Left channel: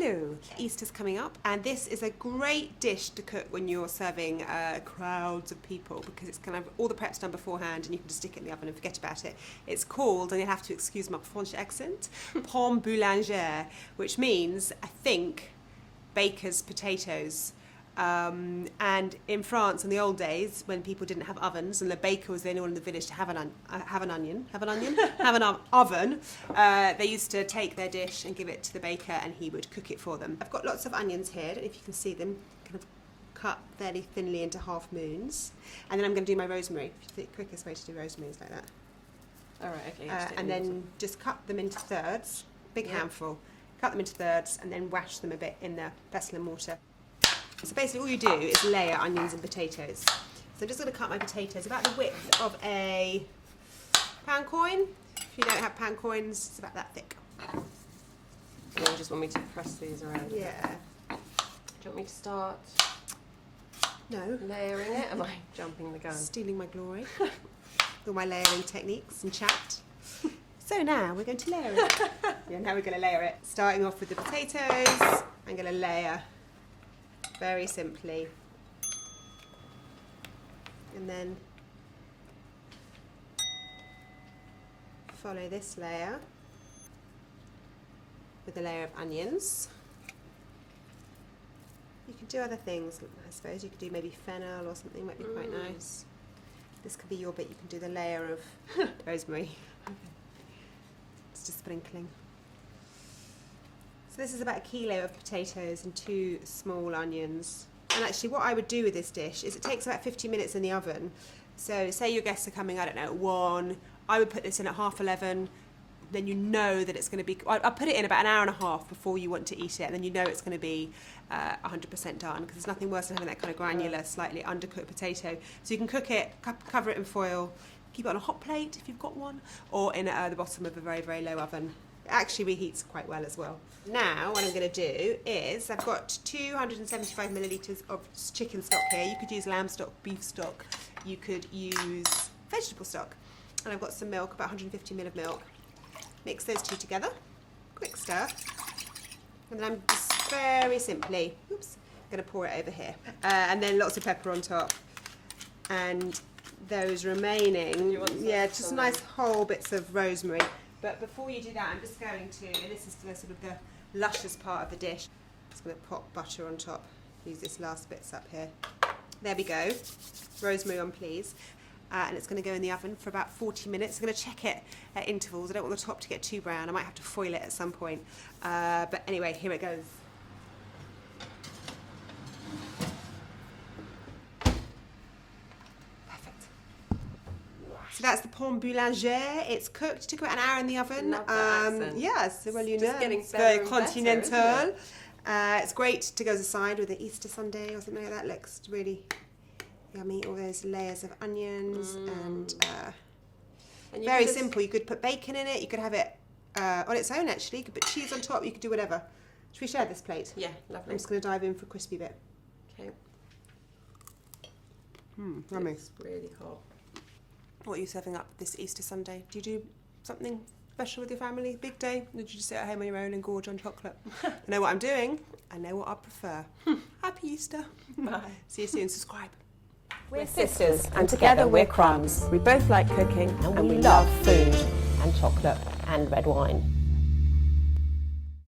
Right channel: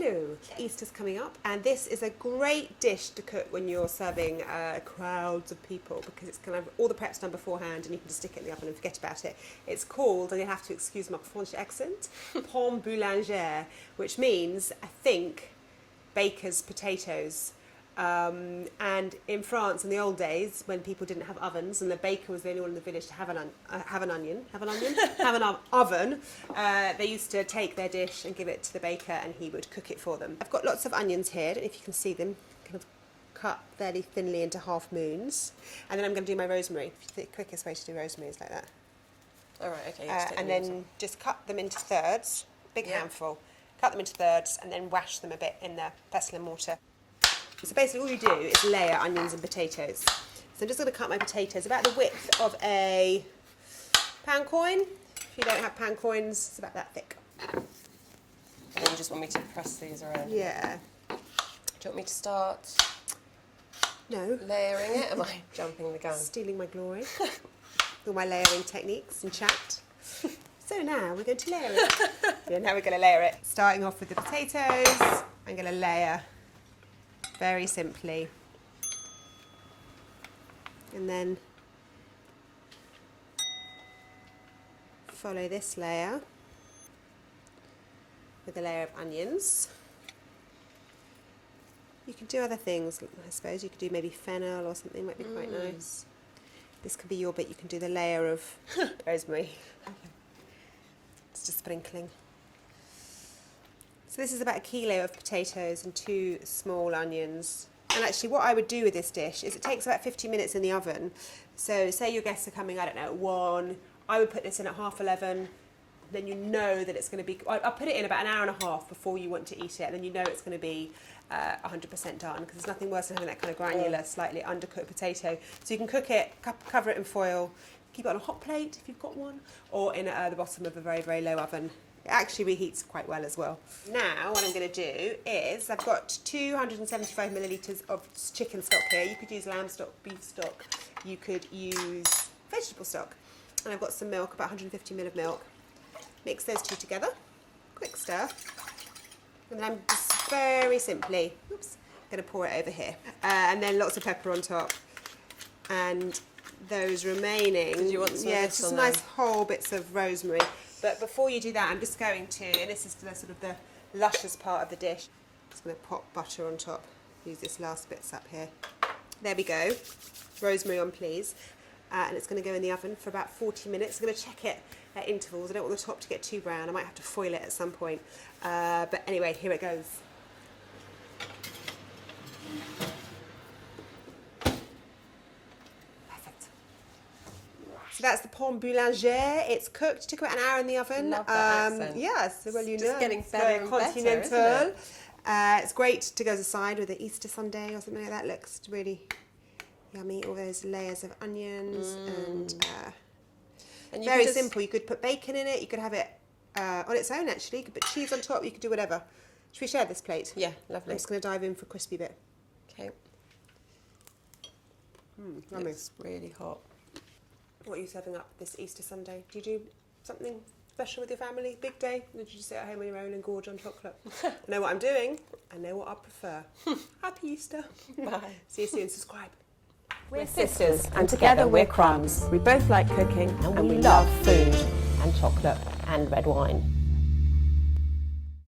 Hello! Easter's coming up, and this is a great dish to cook when you're serving crowds of people, because it's kind of all the prep's done beforehand and you can just stick it in the oven and forget about it. It's called, and you have to excuse my French accent, Pommes Boulangere, which means, I think, baker's potatoes. And in France, in the old days, when people didn't have ovens, and the baker was the only one in the village to have an oven, they used to take their dish and give it to the baker, and he would cook it for them. I've got lots of onions here. I don't know if you can see them, kind of cut fairly thinly into half moons. And then I'm going to do my rosemary. The quickest way to do rosemary is like that. All right, okay. And then just cut them into thirds, big handful. Cut them into thirds, and then wash them a bit in the pestle and mortar. So basically all you do is layer onions and potatoes. So I'm just going to cut my potatoes about the width of a pound coin. If you don't have pound coins, it's about that thick. And you just want me to press these around? Yeah. Do you want me to start No. layering it? Am I jumping the gun? Stealing my glory. All my layering techniques and chat. So now we're going to layer it. Yeah, now we're going to layer it. Starting off with the potatoes, I'm going to layer very simply, and then follow this layer with a layer of onions. You can do other things, I suppose. You could do maybe fennel or something, might be quite nice. This could be your bit. You can do the layer of rosemary. It's just sprinkling. So this is about a kilo of potatoes and 2 small onions. And actually what I would do with this dish is it takes about 50 minutes in the oven. So say your guests are coming, I don't know, at 1. I would put this in at 11:30. Then you know that it's going to be... I'll put it in about an hour and a half before you want to eat it. And then you know it's going to be 100% done. Because there's nothing worse than having that kind of granular, slightly undercooked potato. So you can cook it, cover it in foil, keep it on a hot plate if you've got one, or in the bottom of a very, very low oven. It actually reheats quite well as well. Now what I'm going to do is I've got 275 millilitres of chicken stock here. You could use lamb stock, beef stock, you could use vegetable stock. And I've got some milk, about 150 ml of milk. Mix those two together, quick stir. And then I'm just very simply, going to pour it over here. And then lots of pepper on top. And those remaining, just nice whole bits of rosemary. But before you do that, I'm just going to, and this is the sort of the luscious part of the dish, just going to pop butter on top. Use this last bits up here. There we go. Rosemary on, please. And it's going to go in the oven for about 40 minutes. I'm going to check it at intervals. I don't want the top to get too brown. I might have to foil it at some point. But anyway, here it goes. So that's the Pommes Boulangere. It's cooked. It took about an hour in the oven. Love that accent. Yes, well, you know, getting very better and continental. better, isn't it? It's great to go as a side with an Easter Sunday or something like that. Looks really yummy. All those layers of onions and very simple. You could put bacon in it. You could have it on its own. Actually, you could put cheese on top. You could do whatever. Should we share this plate? Yeah, lovely. I'm just going to dive in for a crispy bit. Okay. Yummy. It's really hot. What are you serving up this Easter Sunday? Do you do something special with your family? Big day? Or did you just sit at home on your own and gorge on chocolate? I know what I'm doing. I know what I prefer. Happy Easter. Bye. See you soon. Subscribe. We're sisters, and together we're Crumbs. We both like cooking, and we love food, and chocolate, and red wine.